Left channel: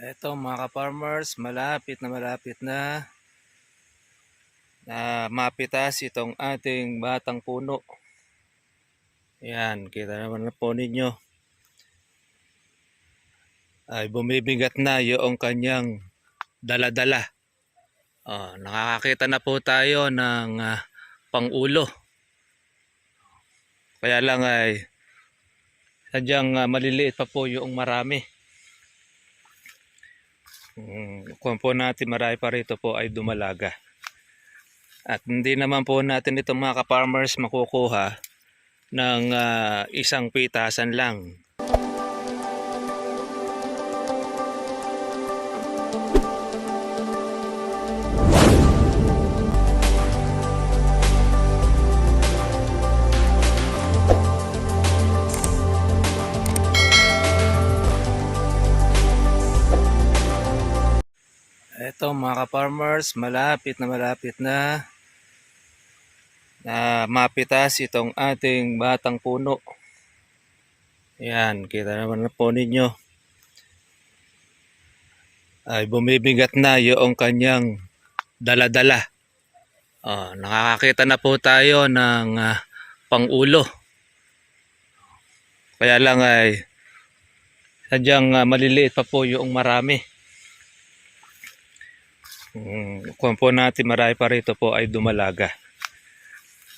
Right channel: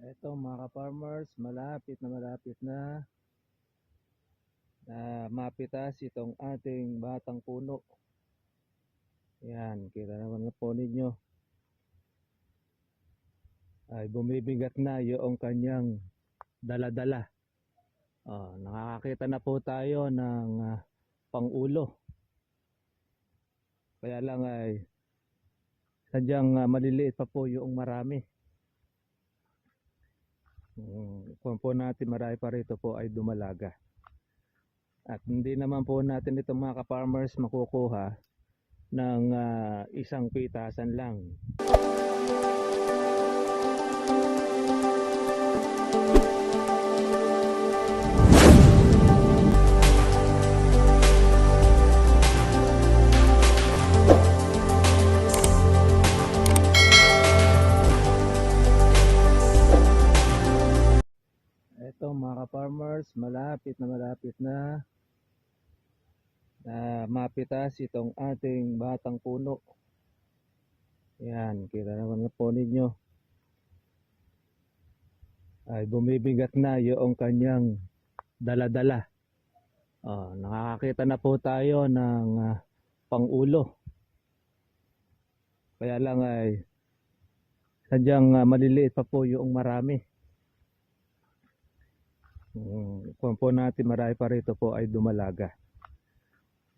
Ito mga ka-farmers, malapit na mapitas itong ating batang puno. Yan, kita naman na po ninyo. Ay bumibigat na yung kanyang dala-dala. Nakakakita na po tayo ng pang-ulo. Kaya lang ay sadyang maliliit pa po yung marami. Kung po natin marami pa rito po ay dumalaga. At hindi naman po natin ito mga ka-farmers makukuha ng isang pitasan lang. Ito mga ka-farmers, malapit na mapitas itong ating batang puno. Yan, kita naman na po ninyo. Ay bumibigat na yung kanyang dala-dala. Nakakakita na po tayo ng pang-ulo. Kaya lang ay sadyang maliliit pa po yung marami. Kung po natin marami pa rito po ay dumalaga.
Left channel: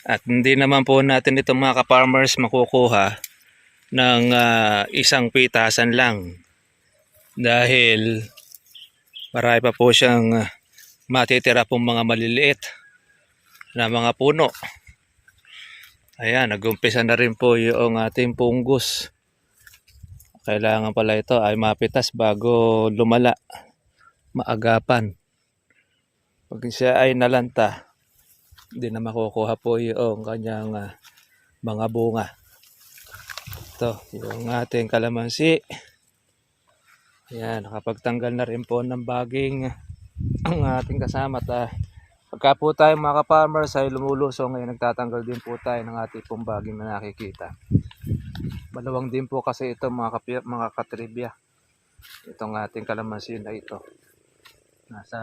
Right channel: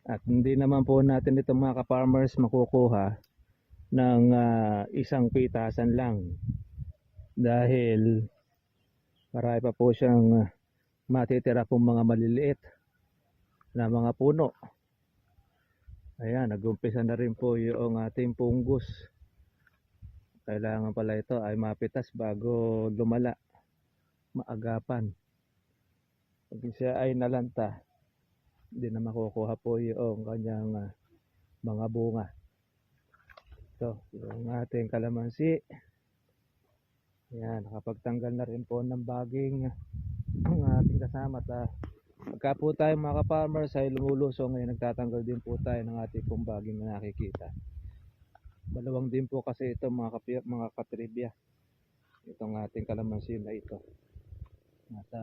At hindi naman po natin ito mga ka-farmers makukuha ng isang pitasan lang. Dahil marami pa po siyang matitira pong mga maliliit na mga puno. Ayan, nag-umpisa na rin po yung ating punggus. Kailangan pala ito ay mapitas bago lumala, maagapan. Pag siya ay nalanta, hindi na makukuha po yung kanyang mga bunga. Ito, yung ating kalamansi. Ayan, nakapagtanggal na rin po ng baging ang ating kasama. Pagka po tayo mga ka-farmers ay lumulusong, ngayon nagtatanggal din po tayo ng ating pong baging na nakikita. Malawang din po kasi ito mga katribya. Itong ating kalamansi na ito. Nasa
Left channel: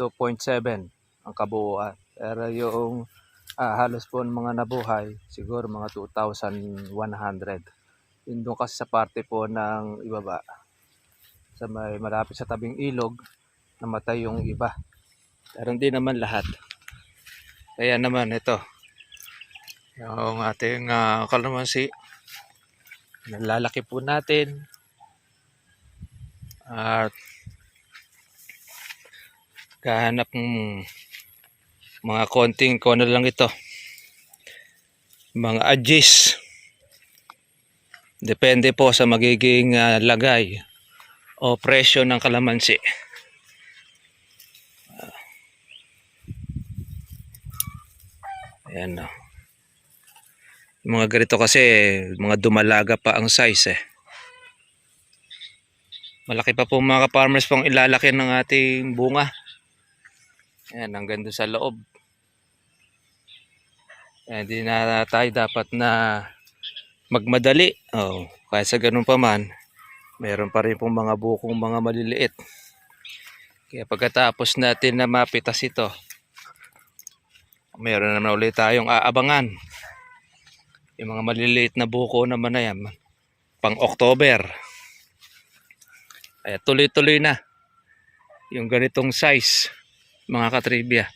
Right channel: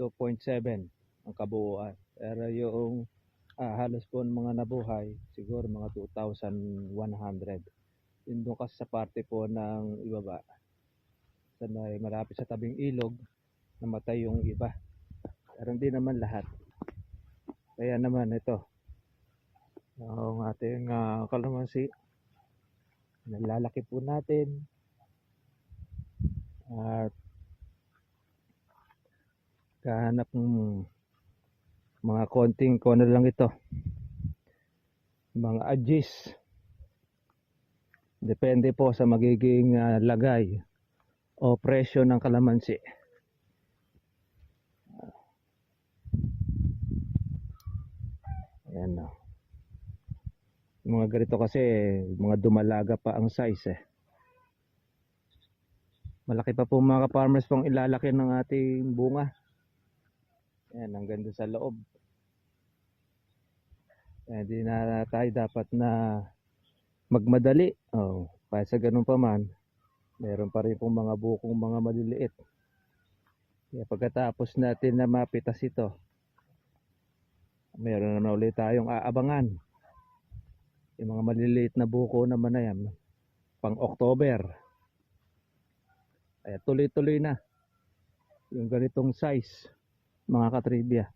2.7 ang kabuuan. Pero yung halos po ng mga nabuhay, siguro mga 2,100. Yun doon kasi sa parte po ng ibaba. Sa may malapit sa tabing ilog, namatay yung iba. Pero hindi naman lahat. Kaya naman ito, yung ating kalamansi, nalalaki po natin. At kahanap ng mga konting kono lang ito, mga adjust, depende po sa magiging lagay o presyo ng kalamansi. Ayan o. Mga ganito kasi mga dumalaga pa ang size Malaki pa po mga ka-farmers pong ilalaki ng ating bunga. Ayan, hanggang doon sa loob. Ayan, hindi na tayo dapat na magmadali. Kaya sa ganun pa man, meron pa rin pong mga bukong mga maliliit. Kaya pagkatapos natin na mapitas ito, meron naman ulit tayong aabangan. Yung mga maliliit na buko naman na yan, pang October. Kaya tuloy-tuloy na yung ganitong size mga katribya.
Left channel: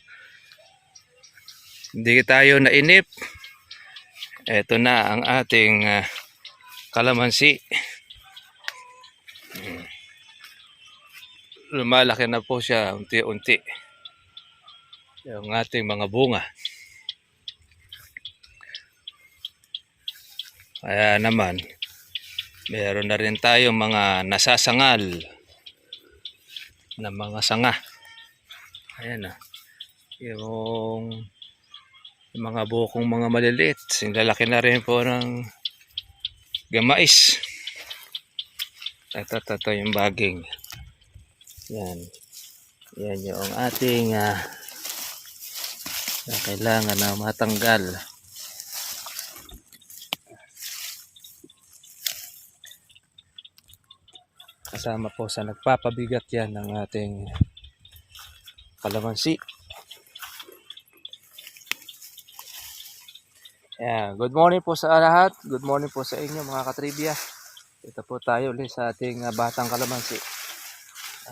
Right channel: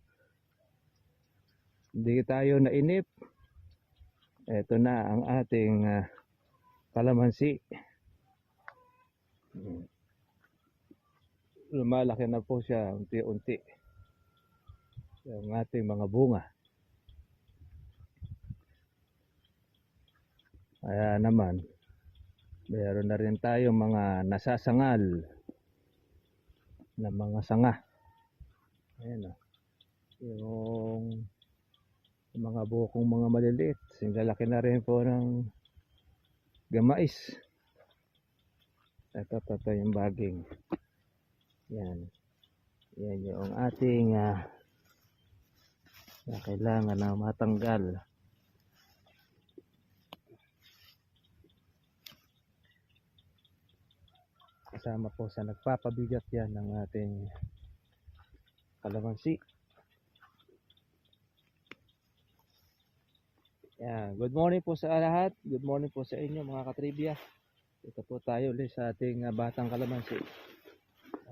Hindi tayo nainip. Ito na ang ating kalamansi. Lumalaki na po siya unti-unti yung ating mga bunga. Kaya naman meron na rin tayong mga nasasangal na mga sanga. Ayan yung mga bukong mga maliliit, sinlalaki na rin po ng gamais. Ito yung baging. Yan yung ating na kailangan na matanggal. kasama po sa nagpapabigat yan ng ating kalamansi. Ayan. Good morning po sa lahat. Good morning po sa inyo mga katribya. Ito po tayo ulit sa ating batang kalamansi.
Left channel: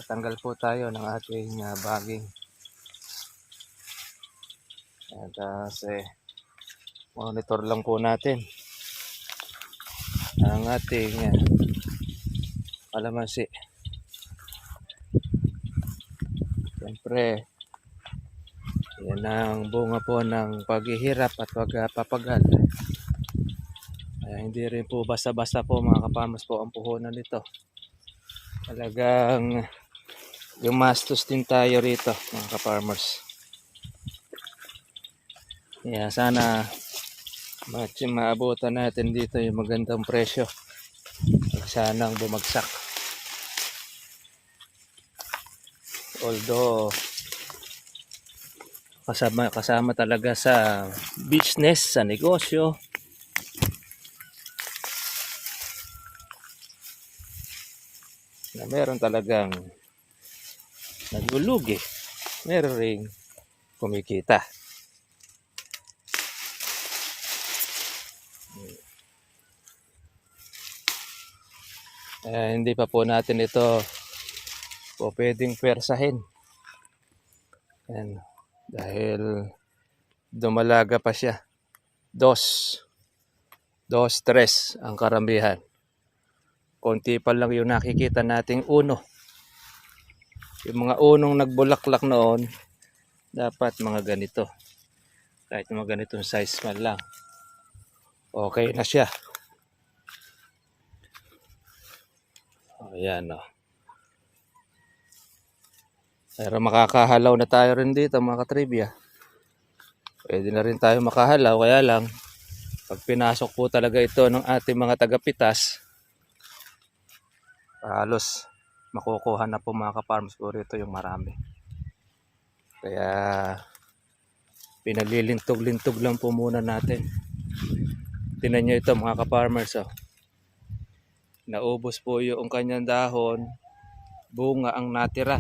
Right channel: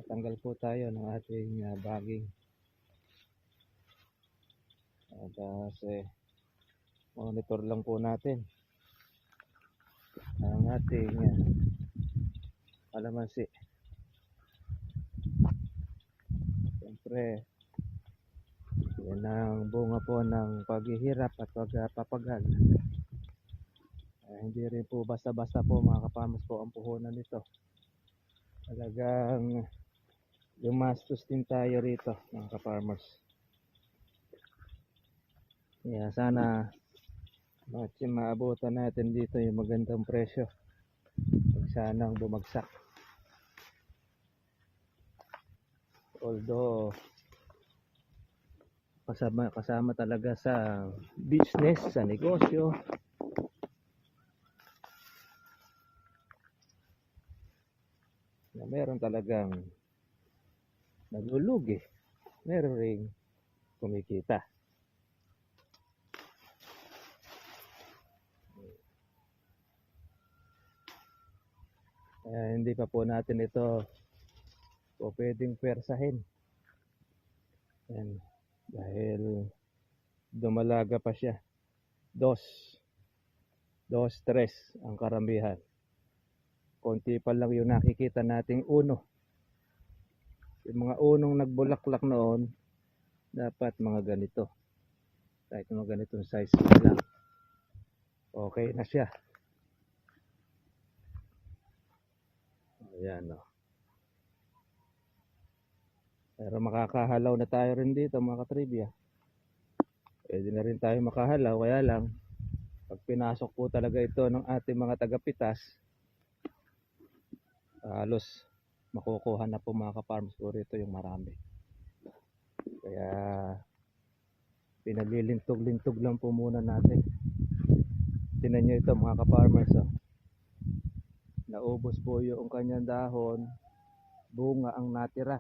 Tatanggal po tayo ng ating baging. At monitor lang po natin ang ating kalamansi. Siyempre, yan ang bunga po ng paghihirap at pagpapagal. Hindi rin po basta-basta po mga kaparmers po ang puhunan nito. Talagang gumastos din tayo rito mga kaparmers. Kaya sana maabutan natin dito yung magandang presyo. Sanang bumagsak. Although kasama talaga sa business, sa negosyo, na meron talagang naglulugi, meron ring kumikita. Hindi pa po natin ito po pwedeng pwersahin. Dahil dumalaga pa siya. 2-3 ang karamihan. Konti pa lang yung nakikita nating uno. Yung mga unong nagbulaklak noon, dapat mga ganito. Kahit mga ganitong size man lang, okay na siya. Ayan o. Pero makakahalaw na tayo rin dito mga katribya. Pwede na rin tayo makahalaw. Kaya lang, pag pinasok po talaga ito ng ating mga tagapitas, halos makukuha na po mga kaparms po rito yung marami. Kaya pinalilintog-lintog lang po muna natin. Tingnan nyo ito mga kaparmers. Naubos po yung kanyang dahon, bunga ang natira.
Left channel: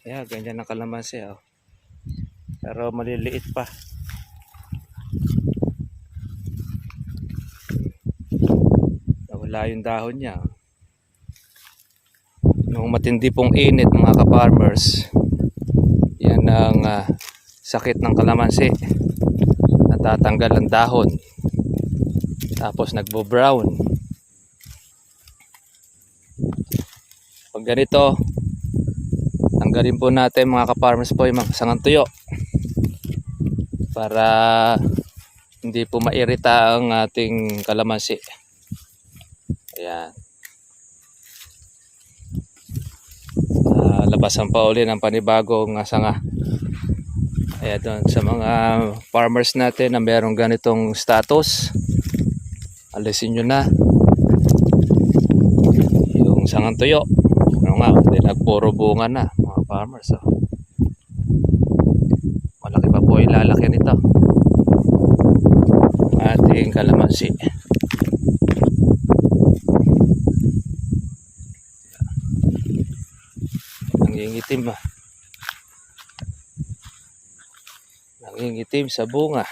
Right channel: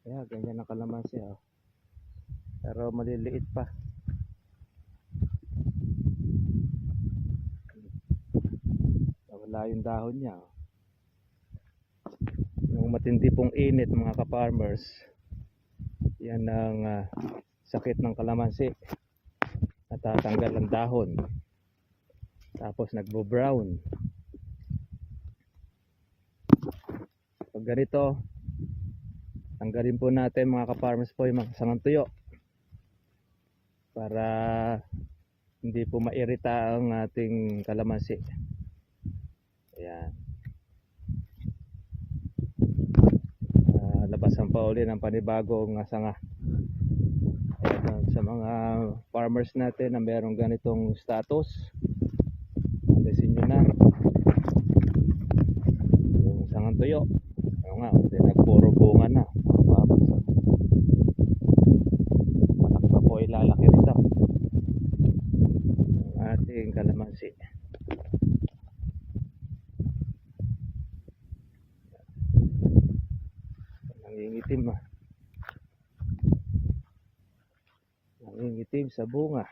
Kaya ganyan ang kalamansi. Pero maliliit pa. Nawala yung dahon niya. Nung matindi pong init mga kaparmers, yan ang sakit ng kalamansi. Natatanggal ang dahon. Tapos nagbo-brown. Pag ganito, tanggalin po natin mga kaparmers po yung mga sangang tuyo para hindi po mairita ang ating kalamansi. Ayan. Labasan pa uli ng panibagong sanga. Ayan, doon sa mga farmers natin na merong ganitong status, alisin nyo na yung sangang tuyo. Hindi nagpuro bunga na mga farmers. Malaki pa po ilalaki nito ating kalamansi. Nangingitim nangingitim sa bunga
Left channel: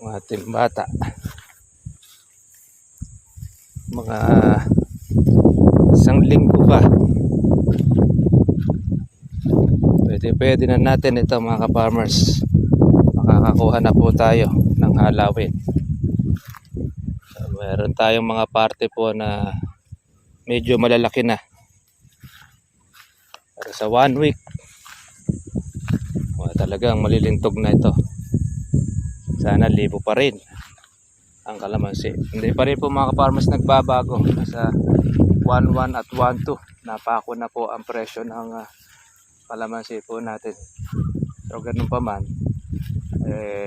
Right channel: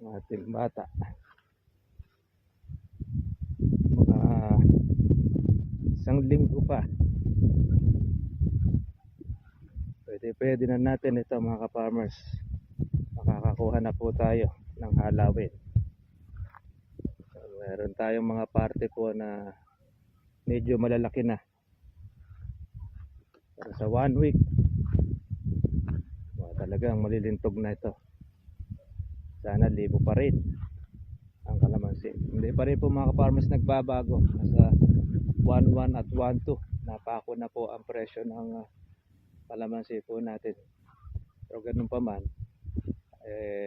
ng ating bata. Mga 1 linggo pa, pwede na natin ito mga kaparmers. Makakakuha na po tayo ng halawin. Meron tayong mga parte po na medyo malalaki na. Pero sa 1 week, talagang malilintog na ito. Sana libo pa rin ang kalamansi. Hindi pa rin po mga kaparmers nagbabago. Nasa 1.1 at 1.2. Napako na po ang presyo ng kalamansi po natin. So ganun pa man,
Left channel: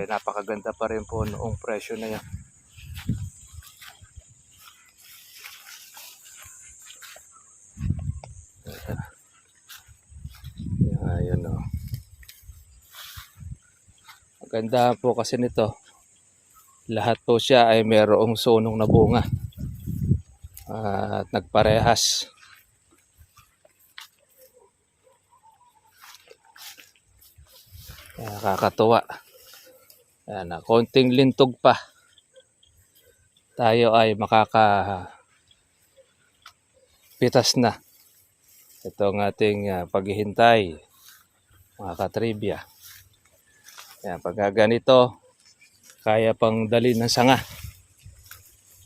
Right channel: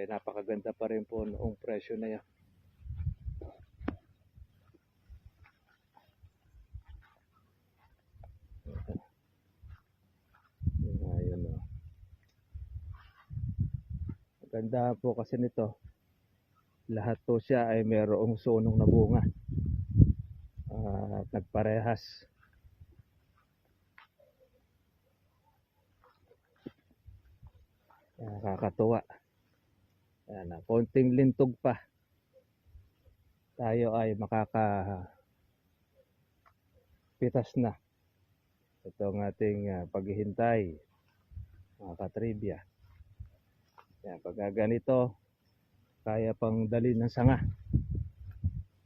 napakaganda pa rin po noong presyo na yan. Ayan o. Maganda po kasi nito. Lahat po siya ay mayroong sunong na bunga at nagparehas. Nakakatuwa. Ayan, konting lintog pa. Tayo ay makakapitas na. Ito ang ating paghihintay, mga katribya. Ayan, pagka ganito, kaya pang dali ng sanga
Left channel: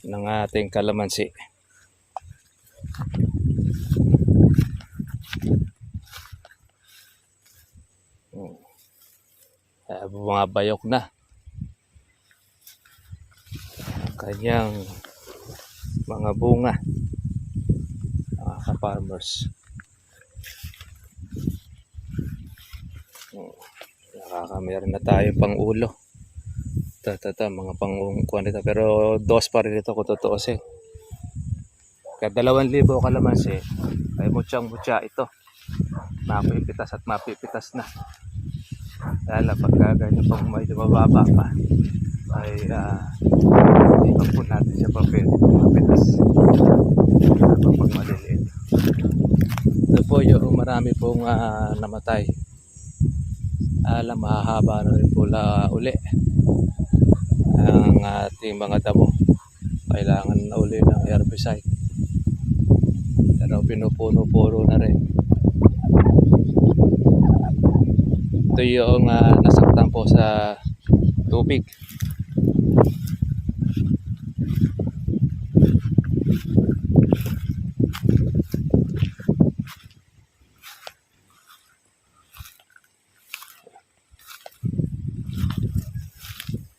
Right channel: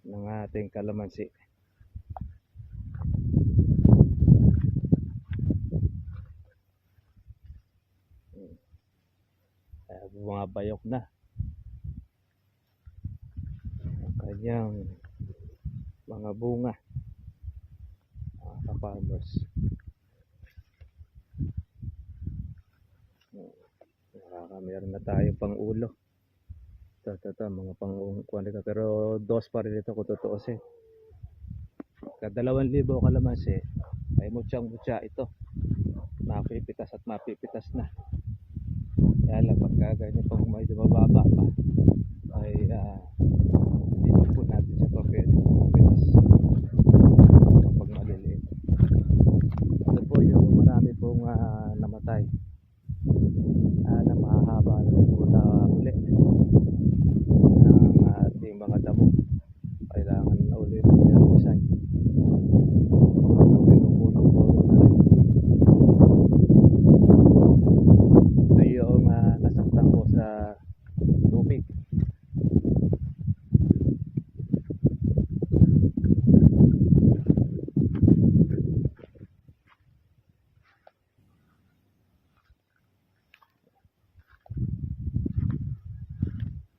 ng ating kalamansi. Bumabayok na ang kanyang mga bunga, mga ka-farmers. Meron na tayo pang ulo. Ito, mga pang-kuha nito. Pero dos pa rin ito kung tutuusin. Kada 2,000 kalamansi, ay mutsyang-mutya ito. Mapipitas at mapipitas na. Lalo pagka ganyan pang medyo mababa pa, ay hindi pa po natin siya pa pwede mapitas pag maliliit. Ito po yung marami pong namatay. Mahahaba na rin pula uli ang ating mga damo. Kailangan na uli ng herbicide. Pero pinupuno-puno na rin. Ito yung nasaktan po sa tubig.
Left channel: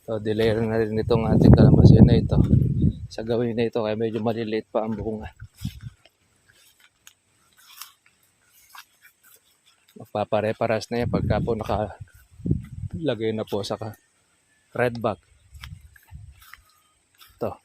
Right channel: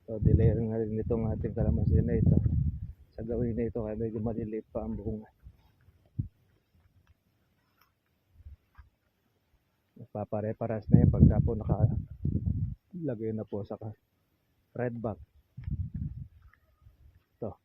So, delay na rin itong ating kalamansi na ito. Sa gawin na ito, kaya medyo maliliit pa ang bunga. Magpapare-paras na yan pagka po nakalagay na po sa red bag. Ito.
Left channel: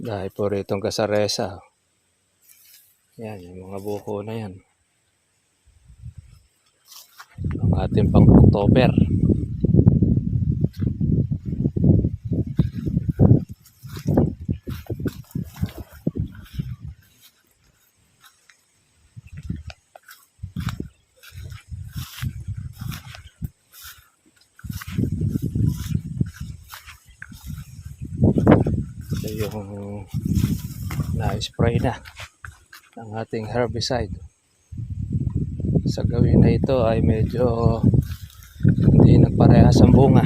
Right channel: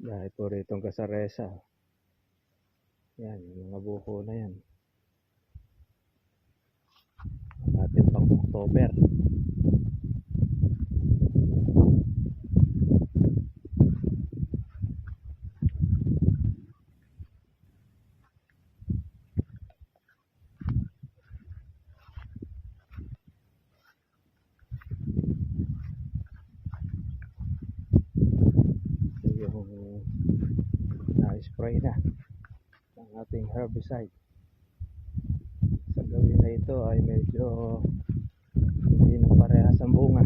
Dahil po ritong kasaresa. Yan, yung mga buko na yan. Ang ating pang October. Ito yung na-spray na ang ating herbicide. Sa gawin na ito ay medyo hindi nagparehas ang bunga.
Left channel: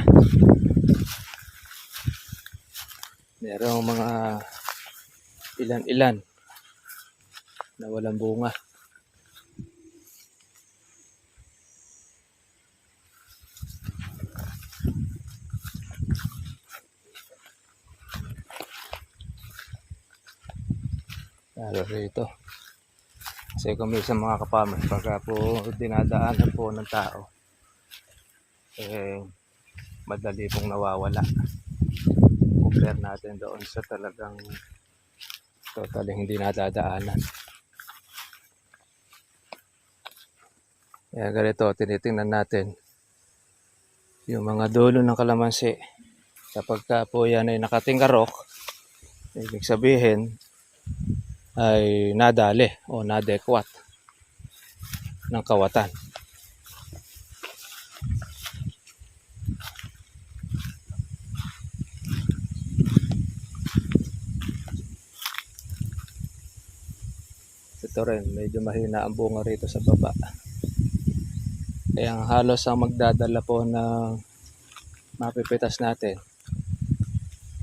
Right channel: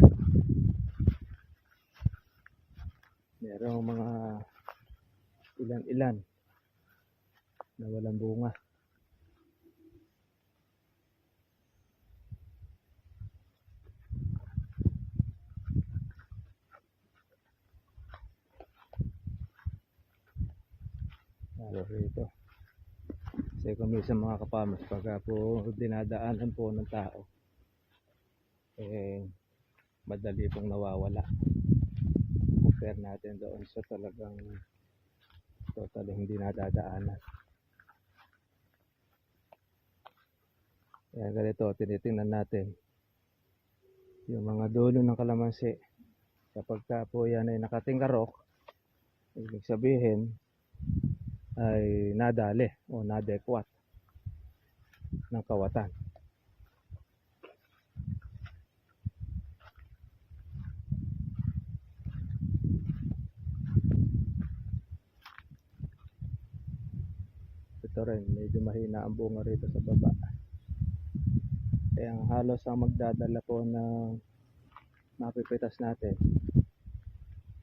Merong mga ilan-ilan na walang bunga. Lalo rito. Kasi kung minsan mga kapamers, pagka po dinadaanan po ng tao, madali pong nawawala. Compare natin doon sa talagang totally hindi nadadaanan. Kaya ganito, tinitingnan natin yung mga dulo ng kalamansi. Kapag po yan ay nakatingkarok, ibig sabihin ay nadali o nadekwat ng kawatan. Ito rin, medyo mahina ang bunga rito sa baba. Kaya halos ang magdadala po ng mapipitas natin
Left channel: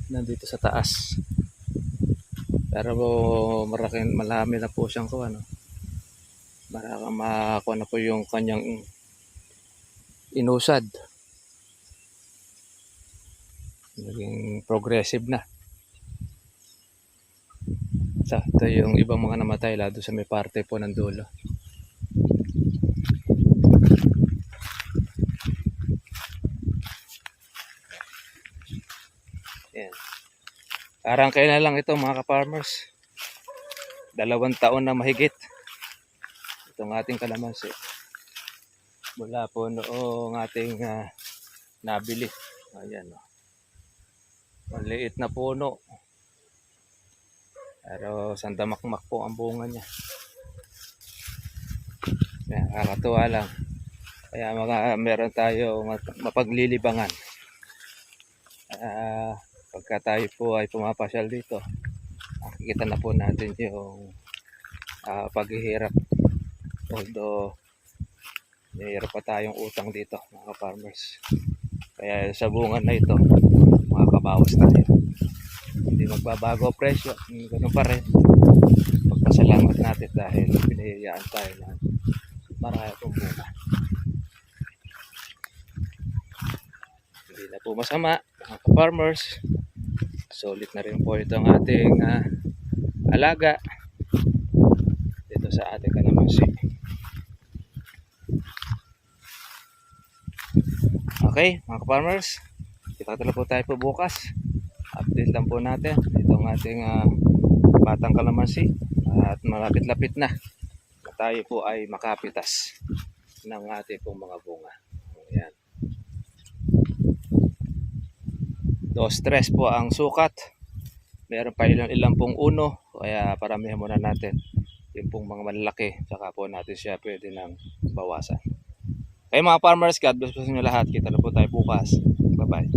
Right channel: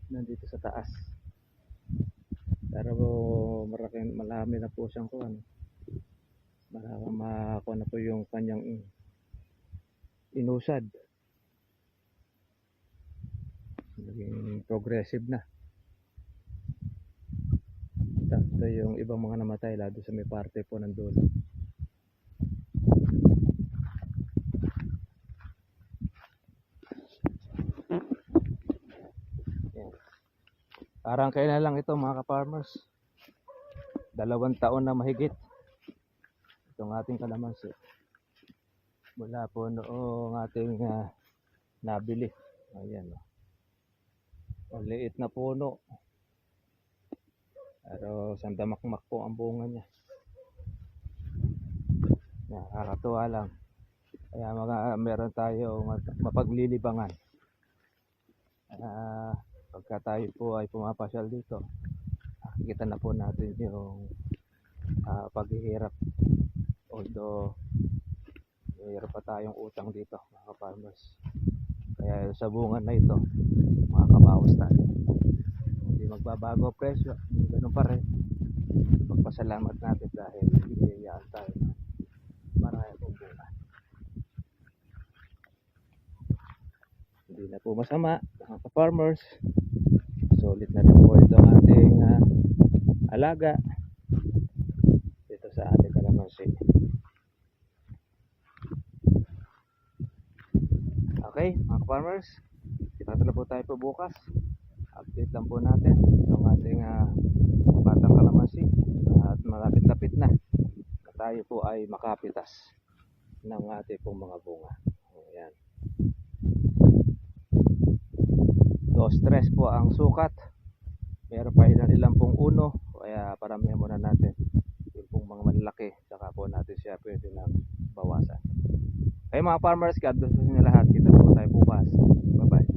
nandito sa taas. Pero marami na po siyang makakuha na po yung kanyang inusad. Naging progressive na. Ito yung ibang mga namatay lalo sa may parte po ng dulo. Yan. Parang kailan lang ito mga ka-farmers. 2 taon na mahigit itong ating kalamansi. Mula po noong ating nabili. Ayan, oh. Maliit na puno. Pero sandamakmak po ang bunga niya. Yan, kakatuwa lang. Kaya meron tayo mapaglilibangan. Pagka tayo po ay pumapasyal dito, makikita na po natin yung paghihirap. Although mayroon pa tayong utang dito mga farmers. Kaya sa bunga na ito, makakabawas tayo. Hindi magbabago ang presyo, ganun pa rin. Pagpasalamat natin dahil binihiyaan tayo ng marami pong bunga. Hindi na po masama mga farmers. Solid na rin po ito ang ating alaga dito sa ating kalamansi. Okay mga farmers, kita po tayo po bukas. Update lang po natin itong ating batang kalamansi at malapit-lapit na tayo po ay makapitas ng ating pong mga bunga. Ayan. 2-3 po ang sukat. Meron pa ilang pong uno, kaya paramihan muna natin yung pong mga malalaki, tsaka po natin siya pwede nang bawasan. Kaya mga farmers, God bless po sa inyo lahat. Kita po tayo bukas. Bye bye.